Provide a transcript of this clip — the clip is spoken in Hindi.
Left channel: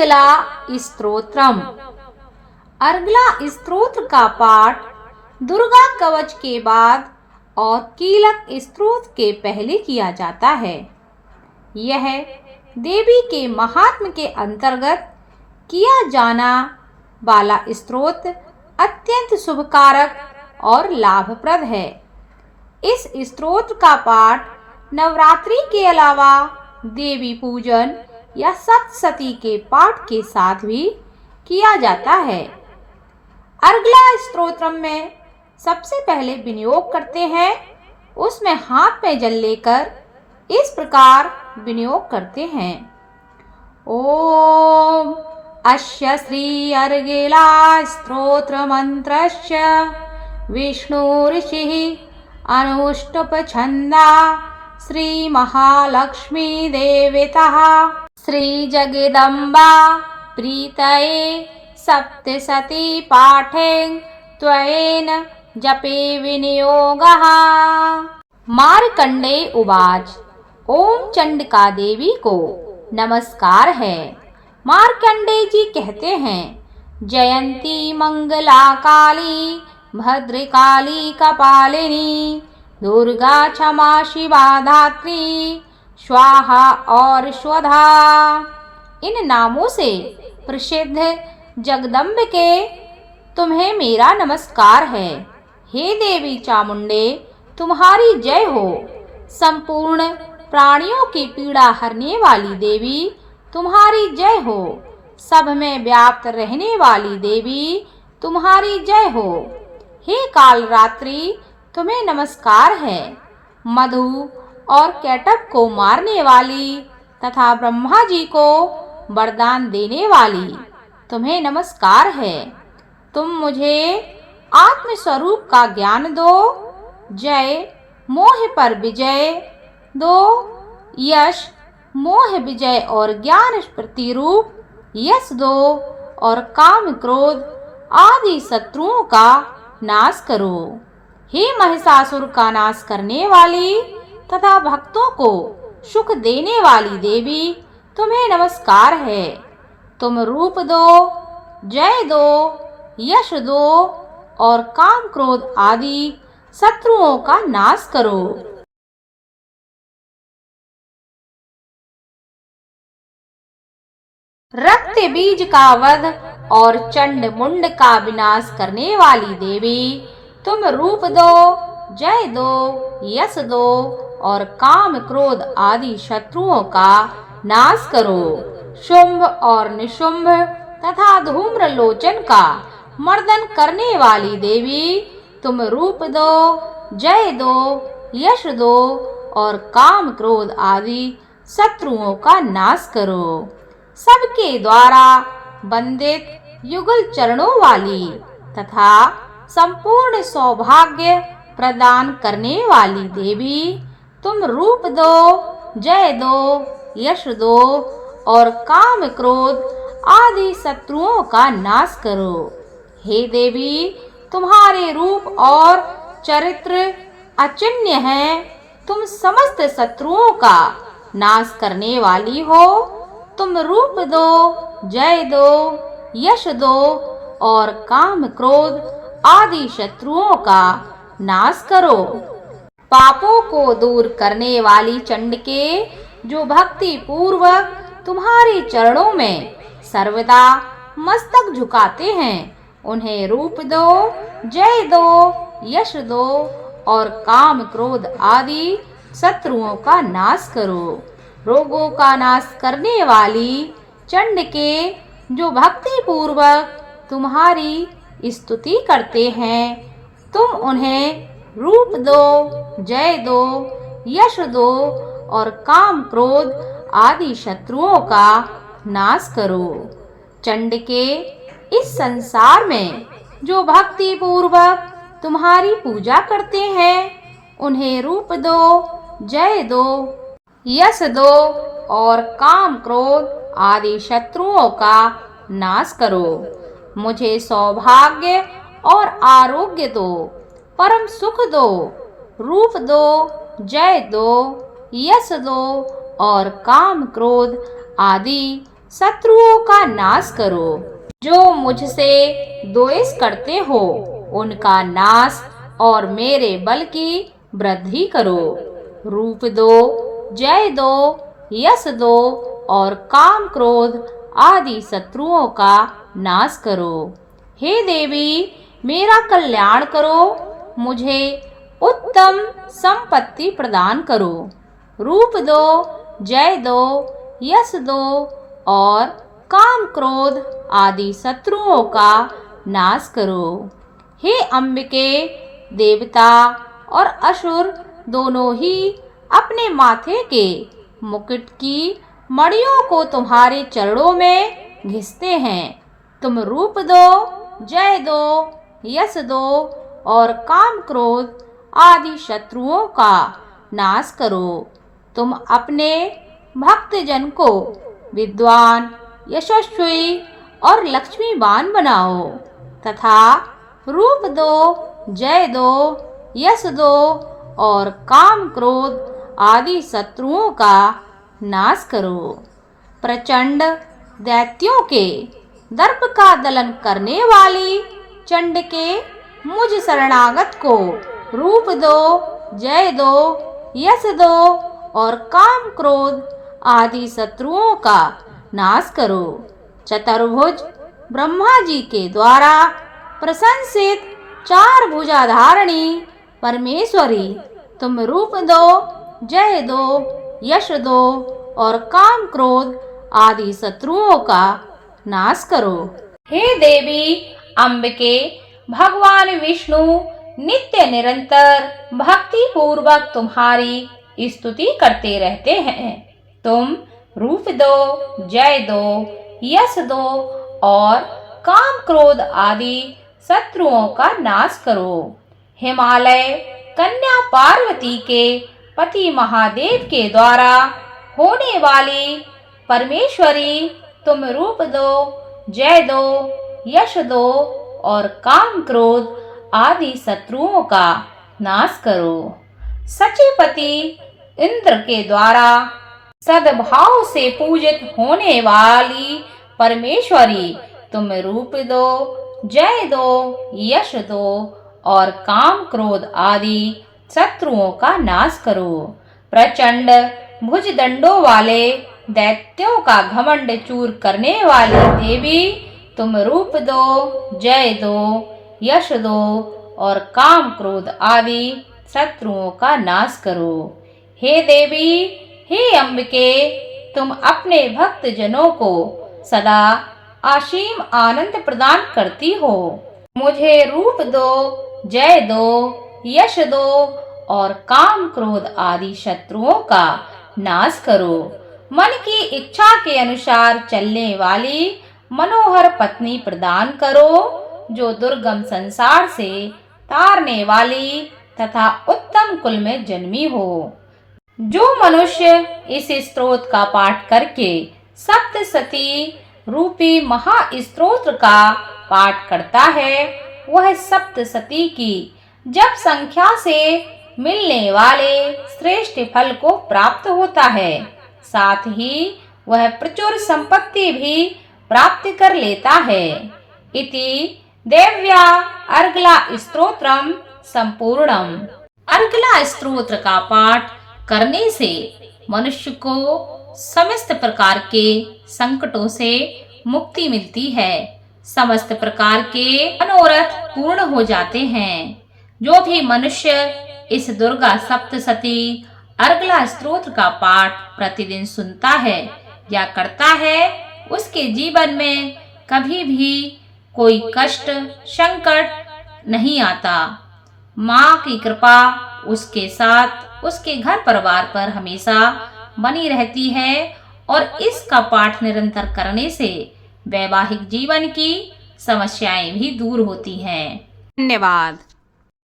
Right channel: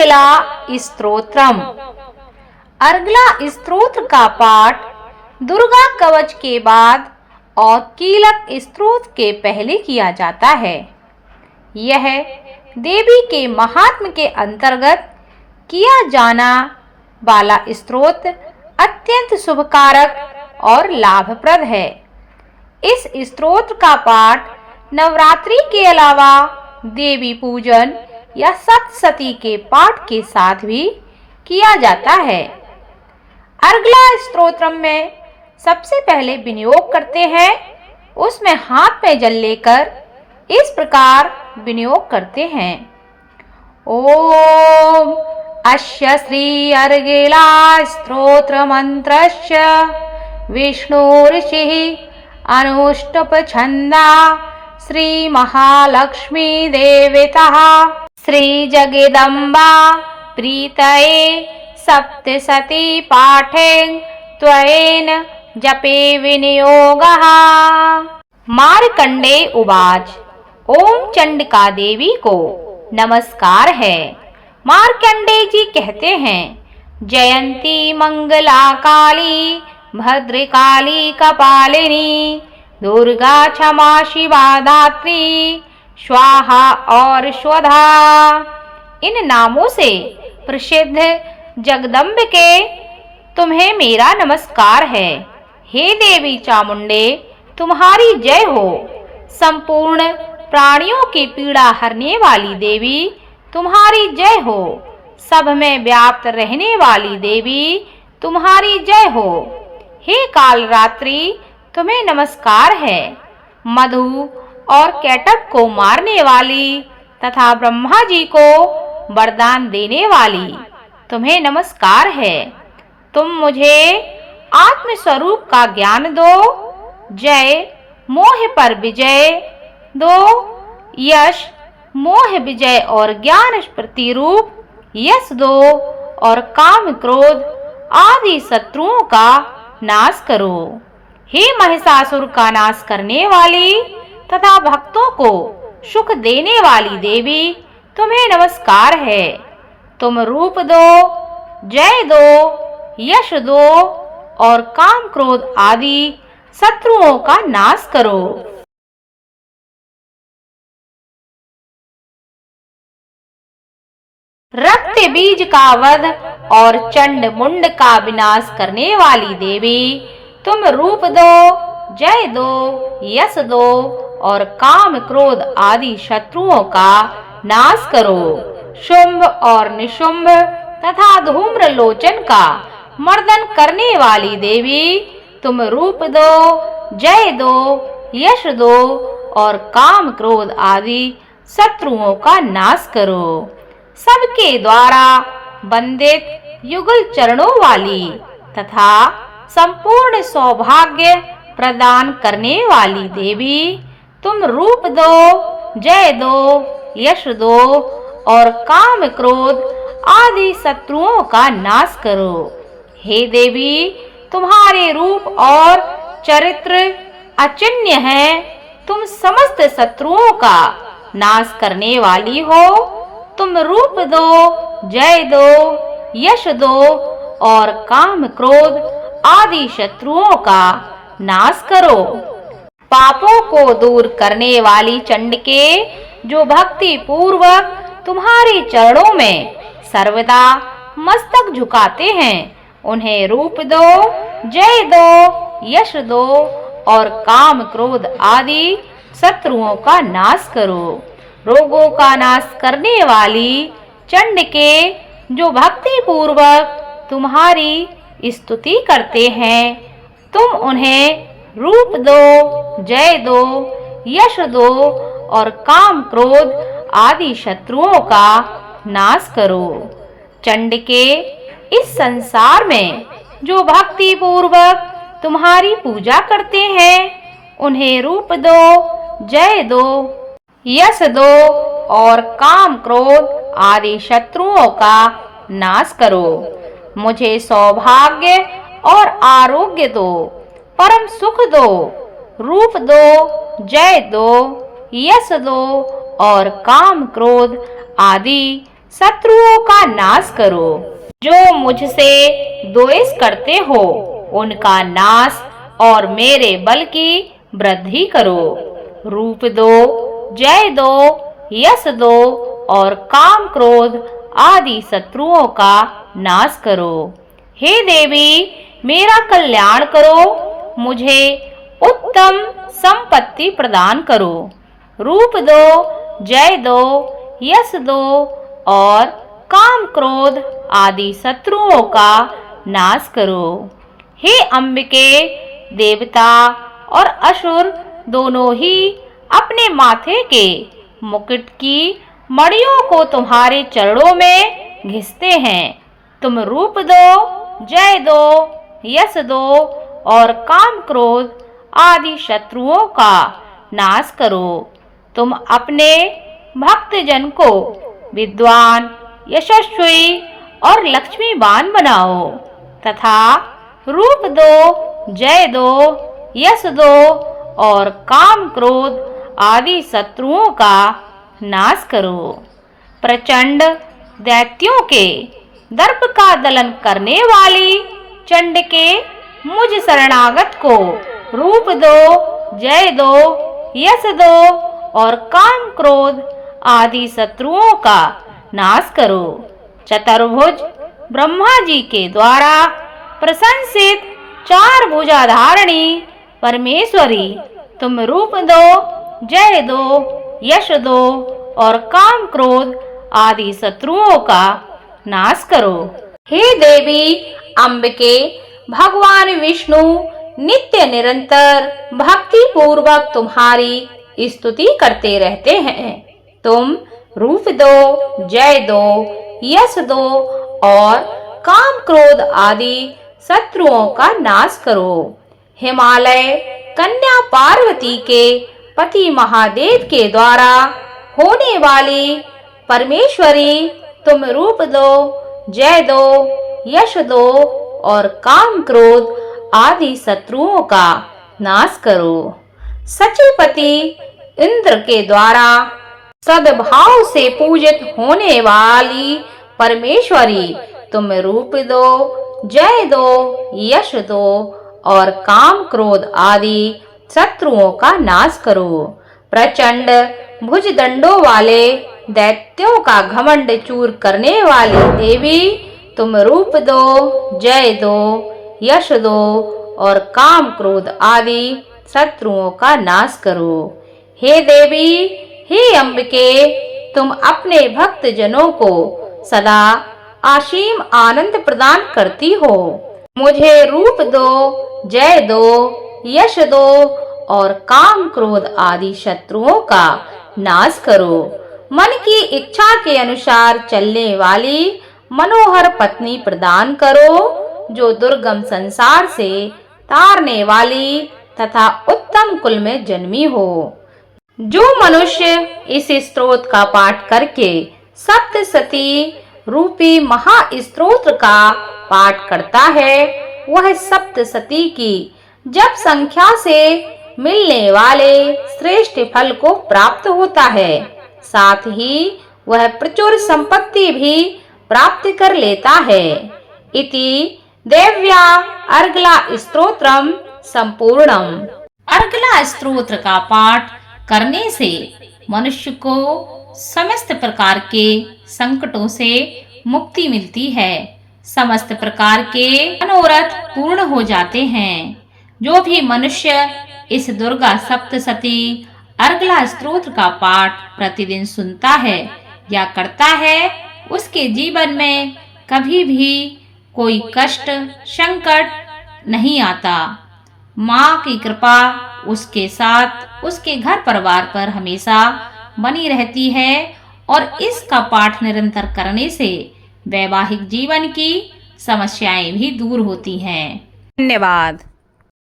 अर्गला स्तोत्रम। अर्गला स्तोत्र का पाठ दुर्गा कवच के बाद और कीलक स्तोत्र के पहले किया जाता है। यह देवी के महात्म्य के अंतर्गत किया जाना वाला स्तोत्र अत्यंत शुभकारक और लाभप्रद है। इस स्तोत्र का पाठ नवरात्रि के अलावा देवी पूजन या सप्तशती के पाठ के साथ भी किया जाता है। अर्गला स्तोत्रम में सबसे पहले विनियोग करते हैं, उसमें हाथ में जल लेकर इस प्रकार विनियोग करते हैं। ओम अस्य श्री अर्गला स्तोत्र मंत्रस्य विष्णुर्षिः अनुष्टुप छंदा श्री महालक्ष्मी देवतः श्री जगदम्बा प्रीतये सप्तशती पाठेन त्वयेन जपे विनियोगः। मार्कंडेय उवाच। ओम चंडिका देवी को नमस्कार है। मार्कंडेय जी कहते हैं, जयंती मंगला काली भद्रकाली कपालिनी दुर्गा क्षमा शिवा धात्री स्वाहा और स्वधा। इन नामों से प्रसिद्ध जगदम्बिके तुम्हें मेरा नमस्कार है। हे देवी चामुंडे, तुम्हारी जय हो। संपूर्ण प्राणियों की पीड़ा हरने वाली देवी तुम्हारी जय हो। सब में व्याप्त रहने वाली देवी तुम्हारी जय हो। हे काल रात्रि, तुम्हें नमस्कार है। मधु और कैटभ को मारने वाली तथा ब्रह्मा जी को वरदान देने वाली तुम्हें नमस्कार है। तुम मुझे आत्म स्वरूप का ज्ञान दो। जय मोह पर विजय दो। यश मोह विजय और ज्ञान प्रतिरूप यश दो और काम क्रोध आदि शत्रुओं का नाश करो। हे महिषासुर का नाश करने वाली तथा भक्तों को सुख देने वाली देवी तुम्हें नमस्कार है। तुम रूप दो, जय दो, यश दो और काम क्रोध आदि शत्रुओं का नाश करो। रक्त बीज का वध और चंड मुंड का विनाश करने वाली देवी तुम रूप दो, जय दो, यश दो और काम क्रोध आदि शत्रुओं का नाश करो। शुंभ और निशुंभ तथा धूम्र लोचन का मर्दन करने वाली देवी तुम रूप दो, जय दो, यश दो और काम क्रोध आदि शत्रुओं का नाश करो। सबके द्वारा वंदित युगल चरणों वाली तथा संपूर्ण सौभाग्य प्रदान करने वाली देवी तुम रूप दो, जय दो, यश दो और काम क्रोध आदि शत्रुओं का नाश करो। हे देवी, तुम्हारे रूप और चरित्र अचिन्त्य है। तुम समस्त शत्रुओं का नाश करने वाली हो। तुम रूप दो, जय दो, यश दो और काम क्रोध आदि शत्रुओं का नाश करो। पापों को दूर करने वाली चंडिके, जो भक्ति पूर्वक तुम्हारे चरणों में सर्वदा मस्तक झुकाते हैं, उन्हें रूप दो, जय दो, यश दो और काम क्रोध आदि शत्रुओं का नाश करो। रोगों का नाश करने वाली चंडिके, जो भक्ति पूर्वक तुम्हारी स्तुति करते हैं, तुम उन्हें रूप दो, जय दो, यश दो और काम क्रोध आदि शत्रुओं का नाश करो। चंडिके, इस संसार में जो भक्ति पूर्वक तुम्हारी पूजा करते हैं, उन्हें रूप दो, जय दो, यश दो और काम क्रोध आदि शत्रुओं का नाश करो। मुझे सौभाग्य और आरोग्य दो, परम सुख दो, रूप दो, जय दो, यश दो और काम क्रोध आदि शत्रुओं का नाश करो। जो मुझसे द्वेष करते हो उनका नाश और मेरे बल की वृद्धि करो। रूप दो, जय दो, यश दो और काम क्रोध आदि शत्रुओं का नाश करो। हे देवी, मेरा कल्याण करो, मुझे उत्तम संपत्ति प्रदान करो। रूप दो, जय दो, यश दो और काम क्रोध आदि शत्रुओं का नाश करो। हे अंबिके, देवता और असुर दोनों ही अपने माथे के मुकुट की मड़ियों को तुम्हारे चरणों में घिसते हैं। तुम रूप दो, जय दो, यश दो और काम क्रोध आदि शत्रुओं का नाश करो। तुम अपने भक्त जन को विद्वान, यशस्वी और लक्ष्मीवान बनाओ तथा रूप दो, जय दो, यश दो और काम क्रोध आदि शत्रुओं का नाश करो। प्रचंड दैत्यों के दर्प का दलन करने वाली चंड के मुझ शरणागत को रूप दो, जय दो, यश दो और काम क्रोध आदि शत्रुओं का नाश करो। चतुर्भुज ब्रह्मा जी के द्वारा प्रशंसित चार भुजाधारिणी परमेश्वरी, तुम रूप दो, जय दो, यश दो और काम क्रोध आदि शत्रुओं का नाश करो। हे देवी अंबिके, भगवान विष्णु नित्य निरंतर भक्ति पूर्वक तुम्हारी स्तुति करते रहते हैं। तुम रूप दो, जय दो, यश दो और काम क्रोध आदि शत्रुओं का नाश करो। हिमालय कन्या पार्वती के पति महादेव के द्वारा होने वाली परमेश्वरी, तुम रूप दो, जय दो, यश दो और काम क्रोध आदि शत्रुओं का नाश करो। सचिपति इंद्र के द्वारा सद्भाव से पूजित होने वाली परमेश्वरी, तुम रूप दो, जय दो, यश दो और काम क्रोध आदि शत्रुओं का नाश करो। प्रचंड भुजदंडों वाले दैत्यों का घमंड चूर करने वाली देवी, तुम रूप दो, जय दो, यश दो और काम क्रोध आदि शत्रुओं का नाश करो। हे देवी, हे अंबिके, तुम अपने भक्त जनों को सदा असीम आनंद प्रदान करती हो। मुझे रूप दो, जय दो, यश दो और काम क्रोध आदि शत्रुओं का नाश करो। मन की इच्छा के अनुसार चलने वाली मनोहर पत्नी प्रदान करो, जो दुर्गम संसार से तारने वाली तथा उत्तम कुल में जन्मी हो। जो मनुष्य इस स्तोत्र का पाठ करके सप्तशती रूपी महास्तोत्र का पाठ करता है, वह सप्तशती की जप संख्या से मिलने वाले श्रेष्ठ फल को प्राप्त होता है। साथ ही वह प्रचुर संपत्ति भी प्राप्त कर लेता है। इति देव्या अर्गला स्तोत्रम संपूर्णम। अर्गला स्तोत्र का पाठ करने से मनुष्य को समस्त प्रकार के संकटों से मुक्ति मिलती है। समस्त प्रकार के मनोरथ पूर्ण हो जाते हैं। जो भी मनुष्य इस दुर्गा सप्तशती अर्गला स्तोत्र का पाठ प्रतिदिन सुनता है या करता है, उसके जीवन में कभी भी कोई कष्ट संकट नहीं आता। माँ की कृपा उसके साथ, उसके घर परिवार पर हमेशा बनी रहती है और इसका पाठ निरंतर करने से वैवाहिक जीवन की समस्याएं भी दूर होती हैं। धन्यवाद।